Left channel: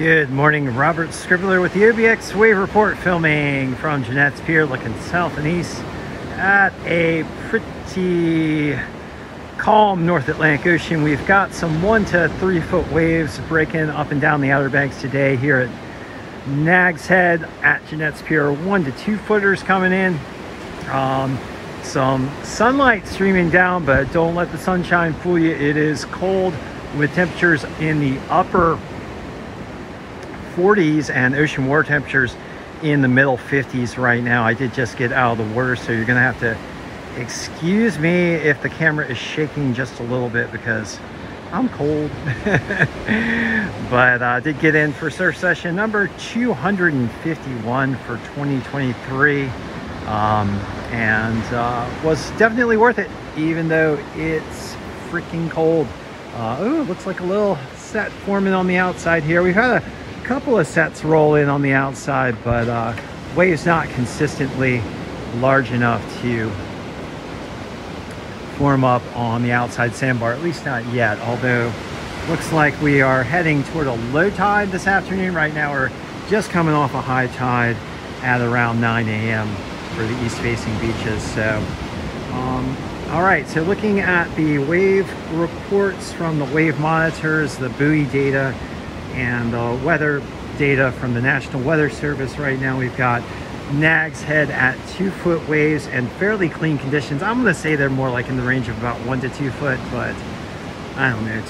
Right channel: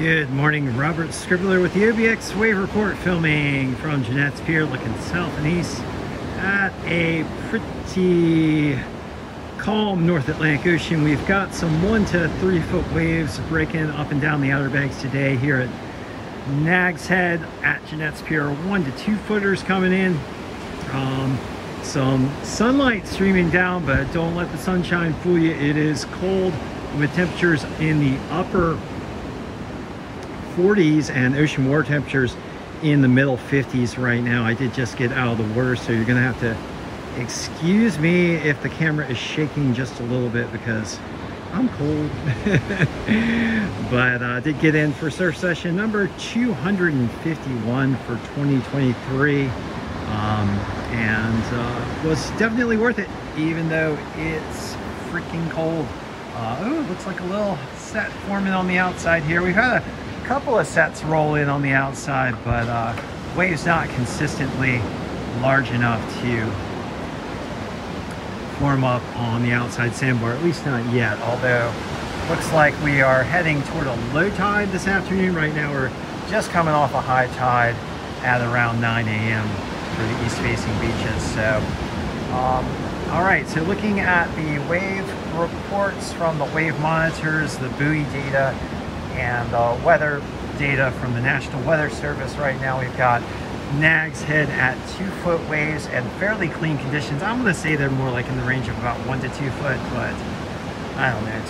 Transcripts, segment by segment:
Good morning, Robert Scribbler with the OBX Wave Report, filming from Jeanette's Pier, looking south and east at a pretty calm North Atlantic Ocean. We've got some 1 to 3 foot waves breaking up and down the Outer Banks today here at Nag's Head at Jeanette's Pier. 1 to 2 footers coming in. Some sunlight streaming down, but don't let the sunshine fool you. It is cold with temperatures in the upper 40s and ocean water temperatures in the middle 50s right now. I did just get out of the water, so you're gonna have to excuse me if the camera is shaking just a little bit because I'm cold. But I did get in for surf session number 251 for 2023, and was definitely worth it, even though it's freaking cold. Oh, looks like a little set forming on the outside here. We've had a couple of sets roll in on the outside, but waves not consistently large enough to form up on the outside sandbar, at least not yet. Although looks like we are heading toward a low tide this afternoon. Right now we're just coming off a high tide at around 9 a.m. for the east facing beaches. So all right, so looking at the wave reports from the wave monitors, the buoy data, and weather data from the National Weather Service. Right now we've got Nag's Head at 2 foot waves and fairly clean conditions. I'm going to say they're more like in the range of about 1 to 2 foot, but I don't know,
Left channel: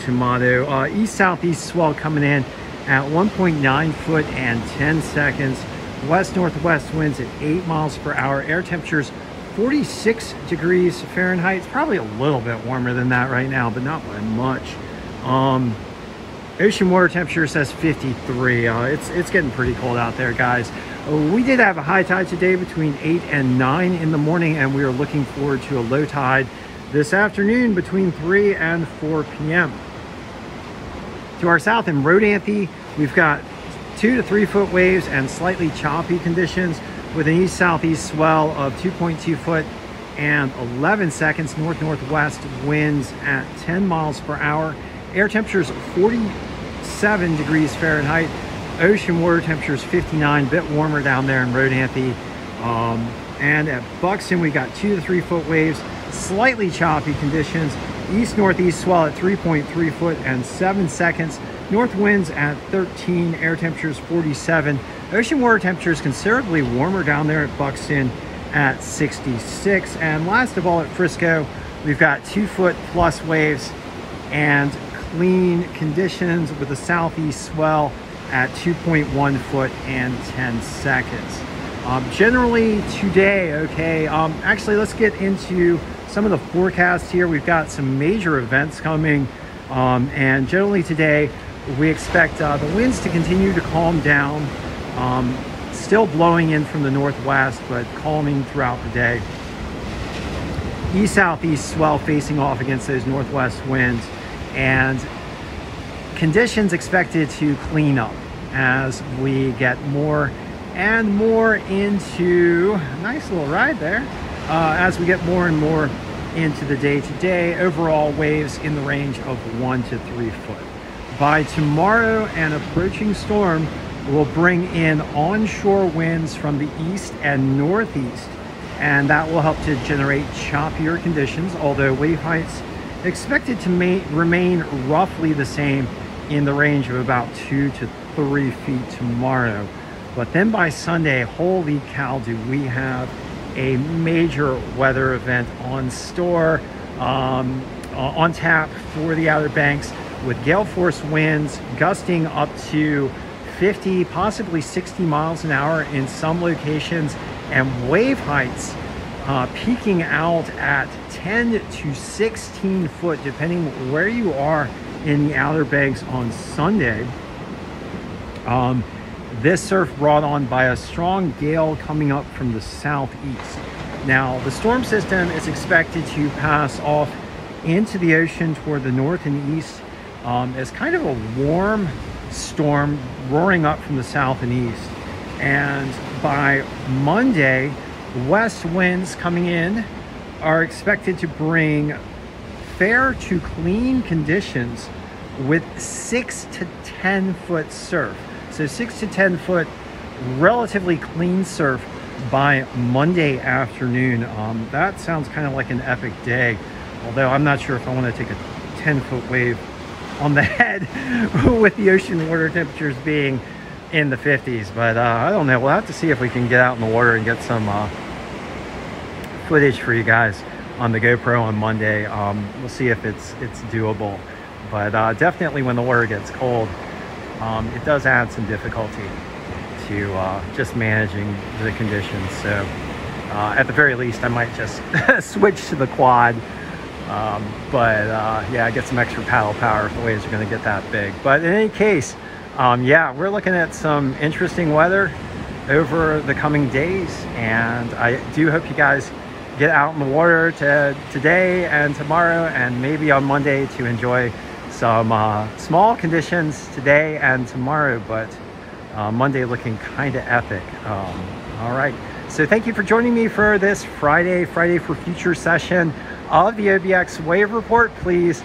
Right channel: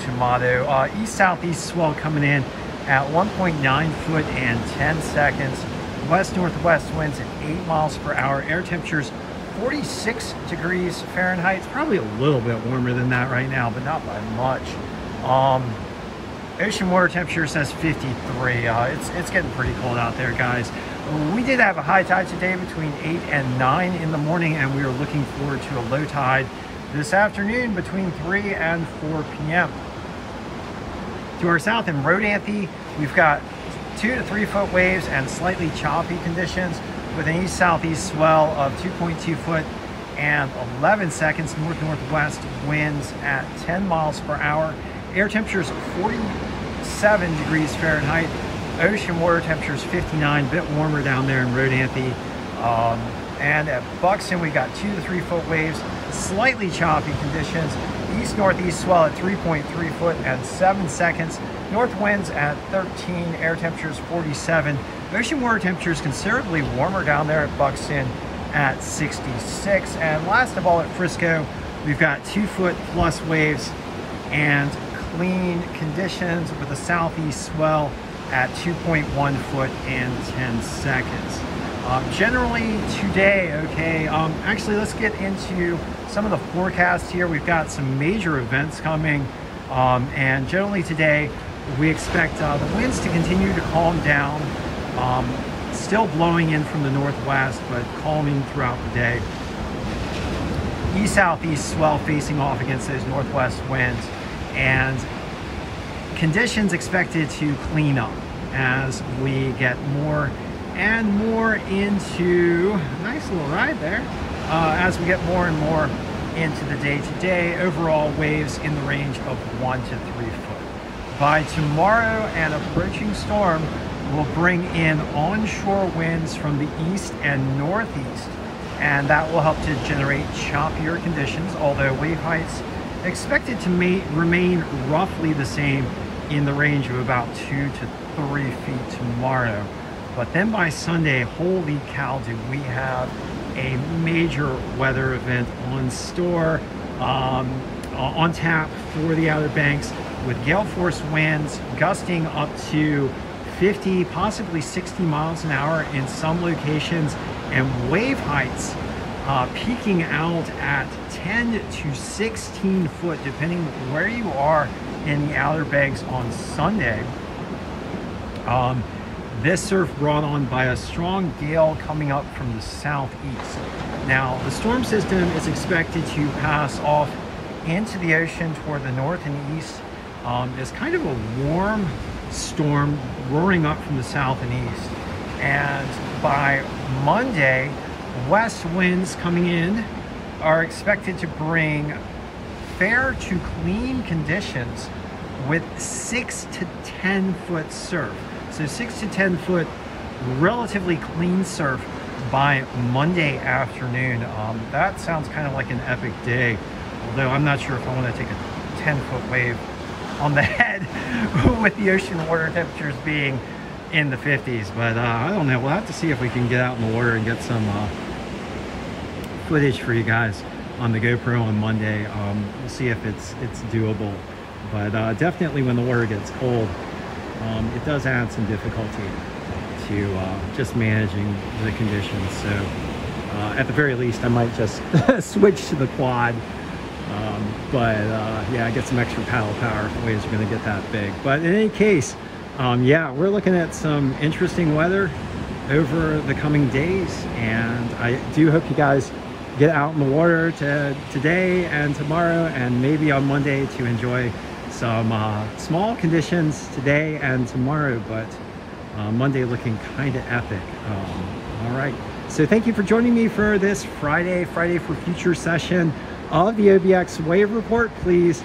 tomato. East-southeast swell coming in at 1.9 foot and 10 seconds. West-northwest winds at 8 miles per hour. Air temperatures 46 degrees Fahrenheit. It's probably a little bit warmer than that right now, but not by much. Ocean water temperature says 53. It's getting pretty cold out there, guys. We did have a high tide today between 8 and 9 in the morning, and we are looking forward to a low tide this afternoon between 3 and 4 p.m. To our south in Rodanthe, we've got 2 to 3 foot waves and slightly choppy conditions with an east-southeast swell of 2.2 foot and 11 seconds. North-northwest winds at 10 miles per hour. Air temperatures 47 degrees Fahrenheit. Ocean water temperatures 59, a bit warmer down there in Rodanthe. And at Buxton, we got 2 to 3 foot waves, slightly choppy conditions. East-northeast swell at 3.3 foot and 7 seconds. North winds at 13, air temperatures 47. Ocean water temperatures considerably warmer down there at Buxton at 66. And last of all, at Frisco, we've got 2 foot plus waves and clean conditions with a southeast swell at 2.1 foot and 10 seconds. Generally today, okay, actually let's get into some of the forecasts here. We've got some major events coming, and generally today we expect the winds to continue to calm down, still blowing in from the northwest, but calming throughout the day. East-southeast swell facing off against those northwest winds, and conditions expected to clean up as we get more and more into, nice little ride there, as we get more and more into the day today. Overall waves in the range of 1 to 3 foot. By tomorrow, an approaching storm will bring in onshore winds from the east and northeast, and that will help to generate choppier conditions, although wave heights expected to remain roughly the same in the range of about 2 to 3 feet tomorrow. But then by Sunday, holy cow, do we have a major weather event on store, on tap for the Outer Banks, with gale force winds gusting up to 50, possibly 60 miles an hour in some locations, and wave heights peaking out at 10 to 16 foot, depending where you are in the Outer Banks on Sunday. This surf brought on by a strong gale coming up from the southeast. Now, the storm system is expected to pass off into the ocean toward the north and east as kind of a warm storm roaring up from the south and east. And by Monday, west winds coming in are expected to bring fair to clean conditions with 6 to 10 foot surf. So 6 to 10 foot relatively clean surf by Monday afternoon. That sounds kind of like an epic day, although I'm not sure if I want to take a 10-foot wave on the head with the ocean water temperatures being in the 50s. But I don't know, we'll have to see if we can get out in the water and get some footage for you guys on the GoPro on Monday. We'll see if it's doable, but definitely when the water gets cold, it does add some difficulty to just managing the conditions. So at the very least, I might just switch to the quad, but yeah, get some extra paddle power if the waves are going to get that big. But in any case, yeah, we're looking at some interesting weather over the coming days, and I do hope you guys get out in the water today and tomorrow, and maybe on Monday to enjoy some small conditions today and tomorrow, but Monday looking kind of epic. All right, so thank you for joining me for this Friday for Future session of the OBX Wave Report. Please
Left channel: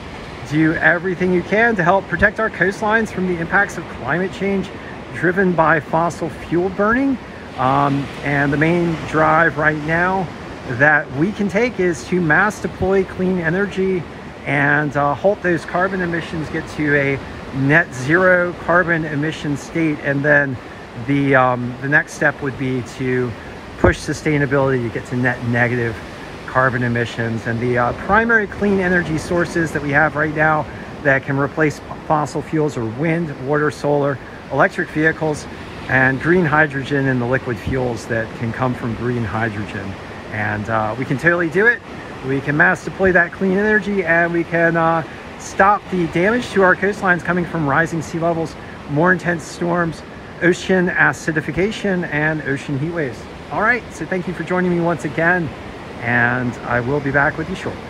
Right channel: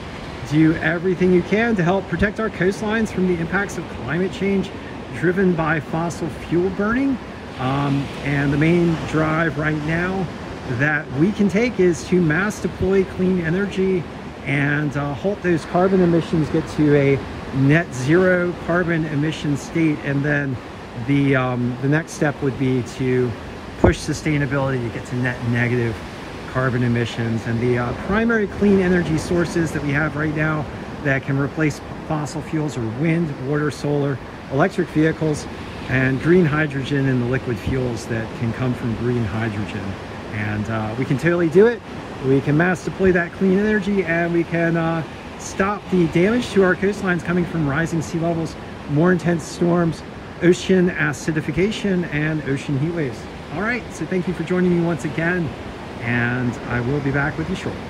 do everything you can to help protect our coastlines from the impacts of climate change driven by fossil fuel burning. And the main drive right now that we can take is to mass deploy clean energy and halt those carbon emissions, get to a net zero carbon emission state, and then the next step would be to push sustainability to get to net negative carbon emissions. And the primary clean energy sources that we have right now that can replace fossil fuels are wind, water, solar, electric vehicles, and green hydrogen, and the liquid fuels that can come from green hydrogen. And we can totally do it. We can mass deploy that clean energy, and we can stop the damage to our coastlines coming from rising sea levels, more intense storms, ocean acidification, and ocean heat waves. All right, so thank you for joining me once again, and I will be back with you shortly.